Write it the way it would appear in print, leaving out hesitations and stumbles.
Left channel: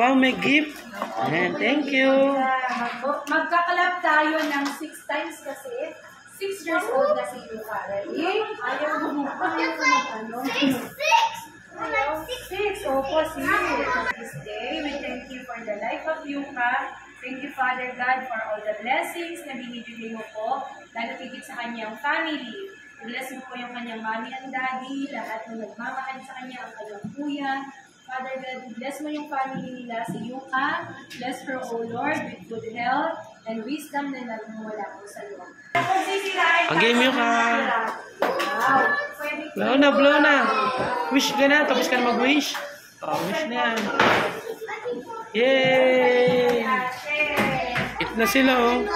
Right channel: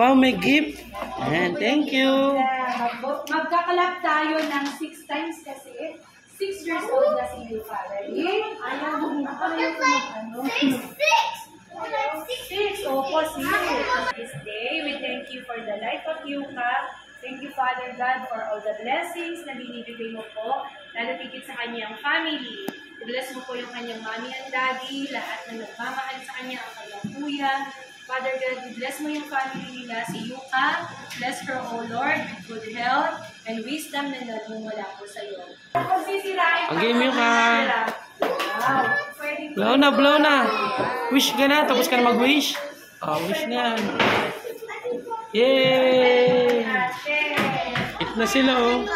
Wow, may gift. Ayan, thank you. Magkakalap tayo ng 6 times kasi 6 years old na si Yuka. Ready? Ayaw mo ano? 6. Opo, 6. This day, we thank you for the life of Yuka. Thank you, Father God, for all the blessings na binibigay mo po, lalo tigit sa kanyang family. I-bless mo po yung kanyang mommy and daddy, lahat na nagmamahal sa kanya, ang kanyang kuya. Father God, bless mo yung family nila, si Yuka. Bless her, O Lord, with good health and wisdom na nagmumula po sa iyo. Ang game Yuka. Wow. Blow na, blow na. Wish ka na, tapos ka na mag-wish. Oh, wish na. Yay! Eat na sila, oh.